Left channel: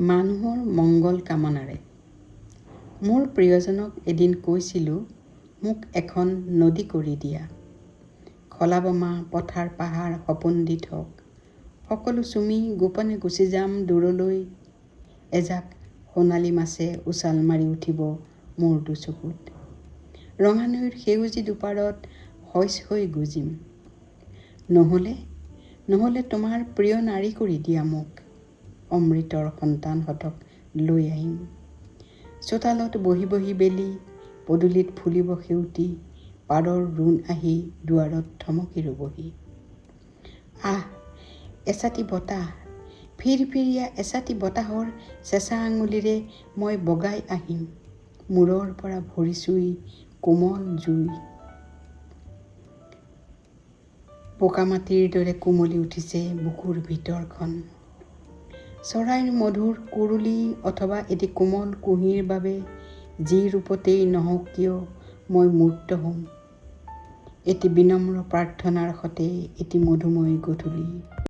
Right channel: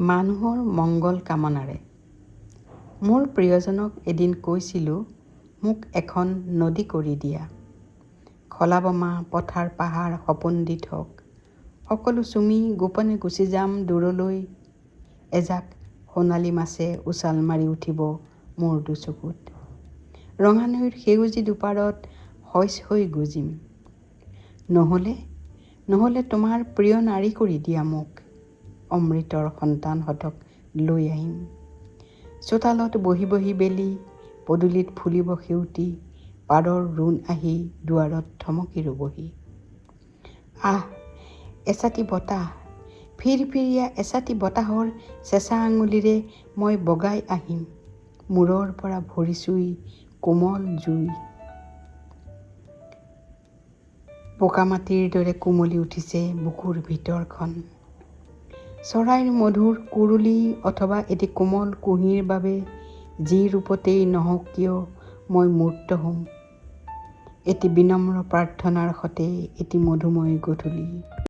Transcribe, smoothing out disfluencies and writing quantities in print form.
মানুহৰ মংগল কামনাৰে। মোৰ প্ৰিয়জনক এদিন কৈছিলোঁ, মোক এখন নদী কৰি দিয়া। খলাবমা পথাৰ পাহাৰ সপোন দি থক। সকলো চুমি গোপনে গুচি যাম দূৰলৈ। এজাক সোণালী মাছে উছাল মাৰি উঠিব মোৰ দুচকুত। ৰঙা নৈৰ সেউজী দুপাৰত শইচ হৈ গুজিম। নহ'লে তোমাৰ প্ৰিয় নাৰী কৰি দিয়া মোক। অমৃতৰ সন্তানহঁতক লৈ আহিম। চোতালত বহি বহি বেলি, পদূলিত ফুলিব সেউতি, পাৰৰ ৰোণ আহি দুৱাৰত থমকি ৰ'বহি। আহ, এচাটি বতাহ, ফিৰফিৰিয়া এচাটি বতাহৰ চেঁচা আঙুলিৰে মই বগাই আহিম। মূৰৰ পৰা ভৰি চুই কোমল জুই। পকামাটিৰ দৰে কোমলি উঠিছে বুকুৰ ভিতৰখন। চৰাইৰ মধুৰ কুৰুলি অথবা এটি কোমল কুহিৰ বাবে যি ৰূপতেই নহওক কিয় মই মূৰ্ত হ'ম। এটি বিনম্ৰ প্ৰাৰ্থনাৰ সতে এটি মধুময় গধূলি।